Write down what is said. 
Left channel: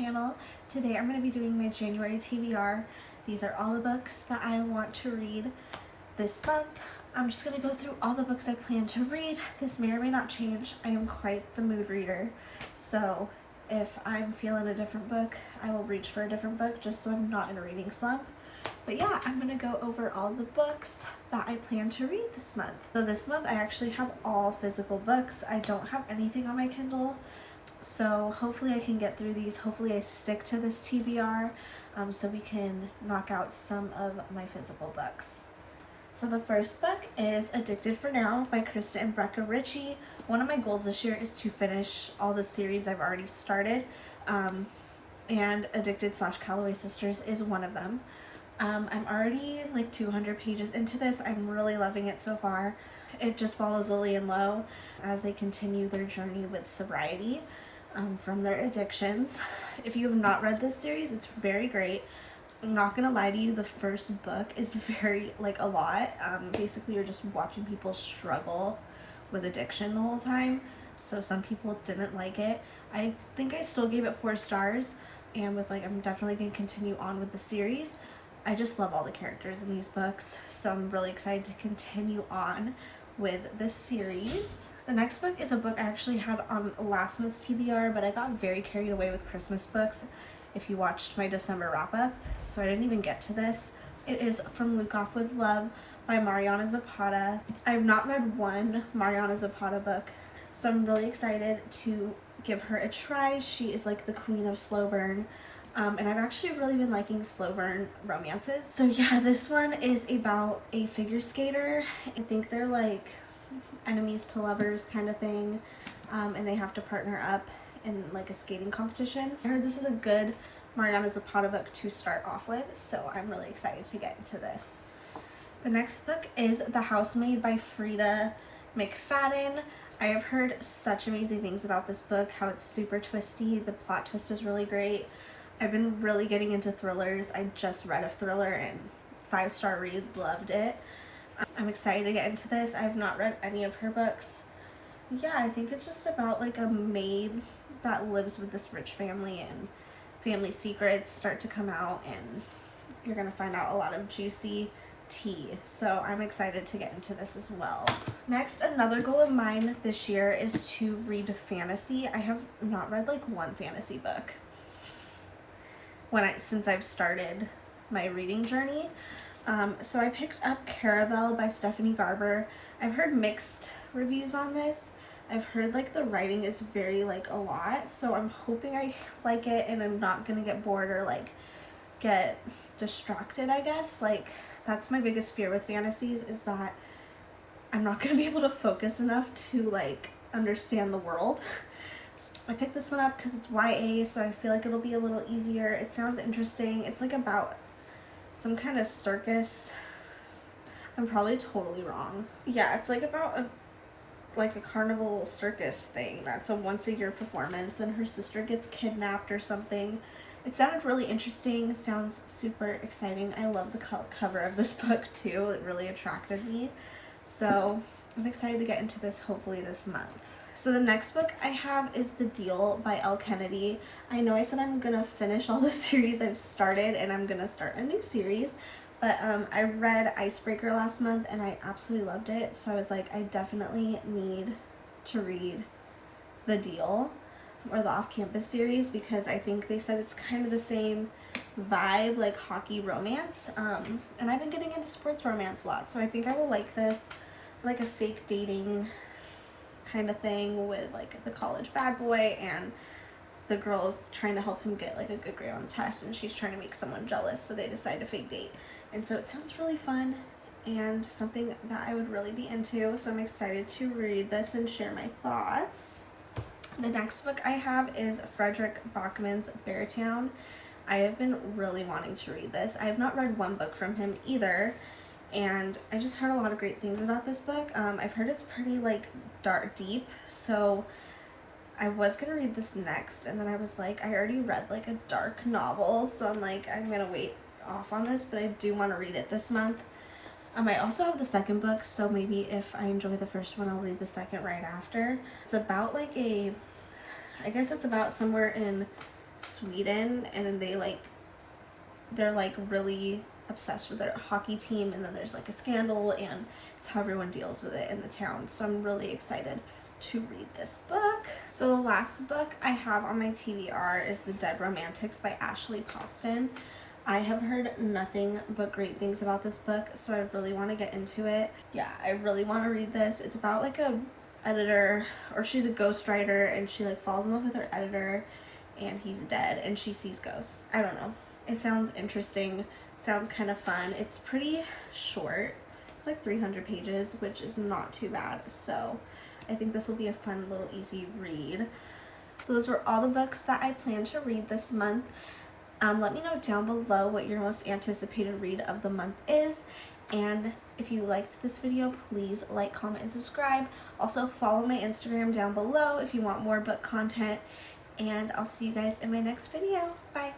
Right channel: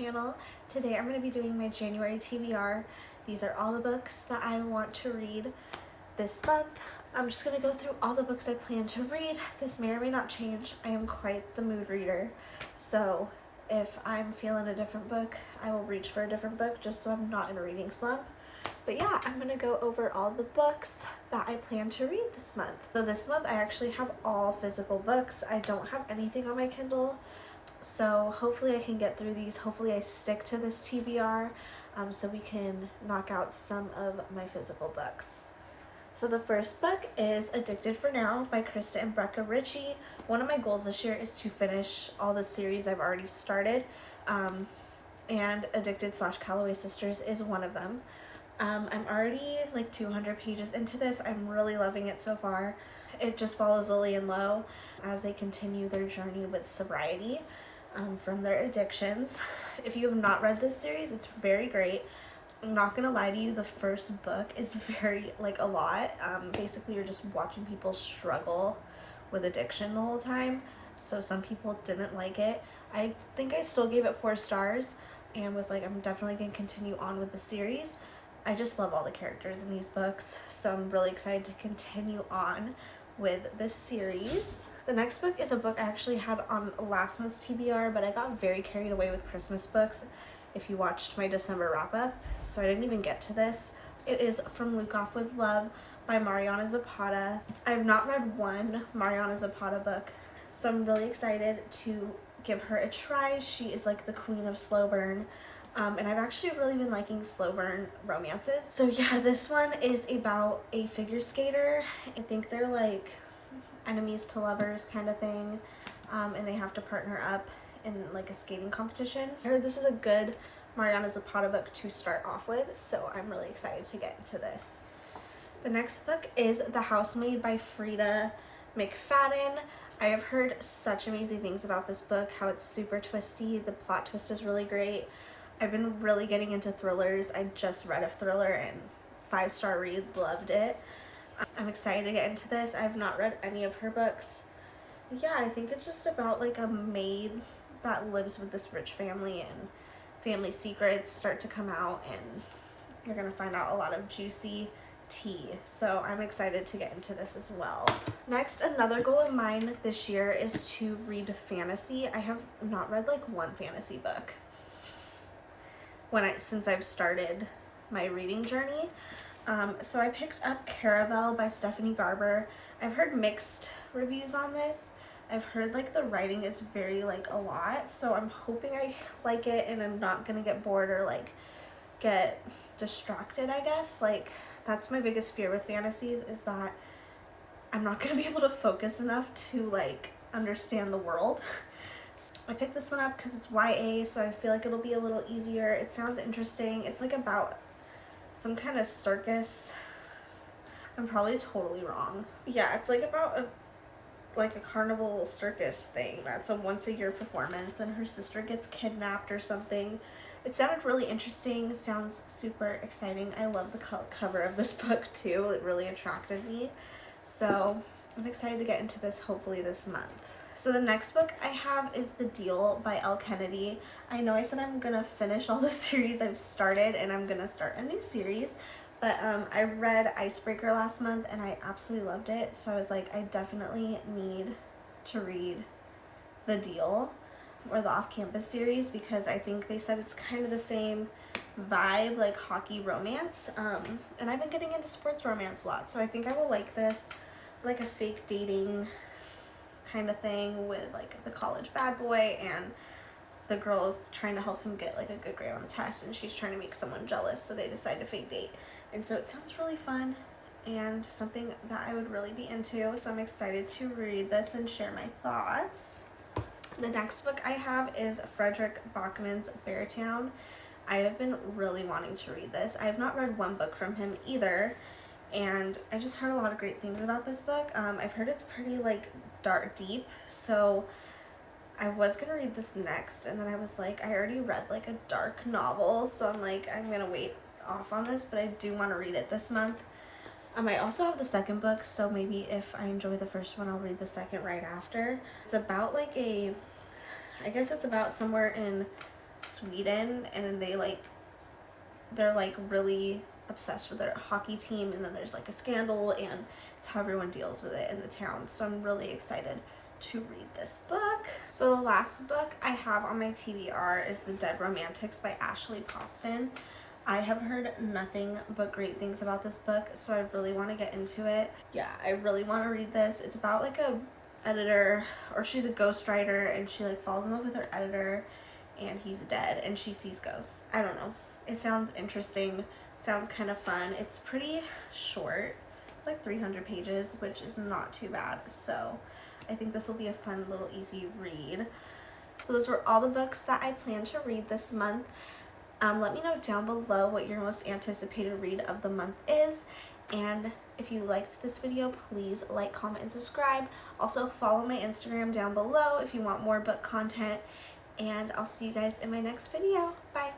channel. Today I'm going to be doing my January TBR. These are all the books that I want to read this month. I'm just going to go through all the books I plan to read. This may or may not change. I am quite the mood reader, so if I'm feeling a different book, I will reach for a different book just so I'm not in a reading slump. But yeah, I'm going to go over all the books that I plan to read this month. So this month I actually have all physical books. I don't have anything on my Kindle. So hopefully I can get through these. Hopefully I stick to this TBR so we can knock out some of my physical books. So the first book is Addicted for Now by Krista and Brecca Ritchie. One of my goals this year is to finish all the series I've already started. And Addicted/Calloway Sisters is one of them. I'm already like 200 pages into this. I'm really loving it so far. It just follows Lily and Lo as they continue their journey with sobriety from their addictions. If you have not read this series, it's very great. I'm not gonna lie to you, the first book is very, a lot. Basically, you're just watching people struggle with addiction the whole time. So some people didn't like it. I think I still gave it 4 stars and was like, I'm definitely gonna continue on with the series. I just love all the characters in these books, so I'm really excited to continue on with this series. The next book is a book I actually had on last month's TBR, but I got very carried away with Christmas books if you watched my December wrap-up, so I didn't even get to this. It is From Luke Off With Love by Mariana Zapata. I have not read one Mariana Zapata book, so I'm really excited to give her a try. She is like the queen of slow burn. And I've actually really been liking slow burn romances. So yeah, this one is about a figure skater. I think they're like enemies to lovers kind of thing. And they have to partner up in like a skating competition. I heard this is a good Mariana Zapata book to start off with, so I'm really excited to get into this. The next book is The Housemaid by Frida McFadden. I have heard such amazing things about this book, how it's super twisty. The plot twist is really great. I've been really getting into thrillers. I just read a thriller and 5-star read, loved it. I'm excited to get into this. I have not read any of her books. Yeah, I think it's just about like a maid that lives with this rich family and family secrets start to come out and you're gonna find out a lot of juicy tea. So I'm excited to get into this as well. Next, another goal of mine this year is to read fantasy. I have not read like one fantasy book since I've started my reading journey. So I picked up Carabelle by Stephanie Garber. I've heard mixed reviews on this. I've heard like the writing is very a lot, so I'm hoping I like it and I'm not gonna get bored or get distracted, I guess. That's my biggest fear with fantasies, is that I'm not gonna be able to focus enough to understand the world. I picked this one up because it's YA, so I feel like it'll be a little easier. It sounds interesting. It's about some kind of circus. I'm probably totally wrong. Yeah, it's about a carnival circus thing that's a once-a-year performance, and her sister gets kidnapped or something. It sounded really interesting. It sounds super exciting. I love the cover of this book too. It really attracted me. So I'm excited to get into this hopefully this month. So the next book I have is The Deal by Elle Kennedy. I know I said I'm gonna finish all the series I've started and I'm gonna start a new series, but I read Icebreaker last month and I absolutely loved it. So I was like, I definitely need to read The Deal or the Off-Campus series, because I think they said it's kind of the same vibe, like hockey romance. And I've been getting into sports romance a lot, so I think I will like this. Like a fake dating kind of thing with the college bad boy and the girl's trying to help him get a good grade on the test, and she's trying to make someone jealous, so they decide to fake date. And so it sounds really fun and something that I would really be into, so I'm excited to read this and share my thoughts. The next book I have is Frederick Bachman's Beartown. I have been really wanting to read this. I have not read one book from him either, and I just heard a lot of great things about this book. I've heard it's pretty dark, deep, so I was gonna read this next, and then I was like, I already read a dark novel, so I'm I'm gonna wait off on this, but I do want to read it this month. I also have the second book, so maybe if I enjoy the first one, I'll read the second right after. It's about I guess it's about somewhere in Sweden, and they're like really obsessed with their hockey team, and then there's like a scandal, and it's how everyone deals with it in the town. So I'm really excited to read this book. So the last book I have on my TBR is The Dead Romantics by Ashley Poston. I have heard nothing but great things about this book, so I really want to get into it. Yeah, I really want to read this. It's about like a editor, or she's a ghostwriter, and she like falls in love with her editor, and he's dead, and she sees ghosts. I don't know. It sounds interesting, sounds kind of fun. It's pretty short. It's like 300 pages, which is not too bad. So I think this will be a fun little easy read. So those were all the books that I plan to read this month. Let me know down below what your most anticipated read of the month is. And if you liked this video, please like, comment, and subscribe. Also follow my Instagram down below if you want more book content. And I'll see you guys in my next video. Bye.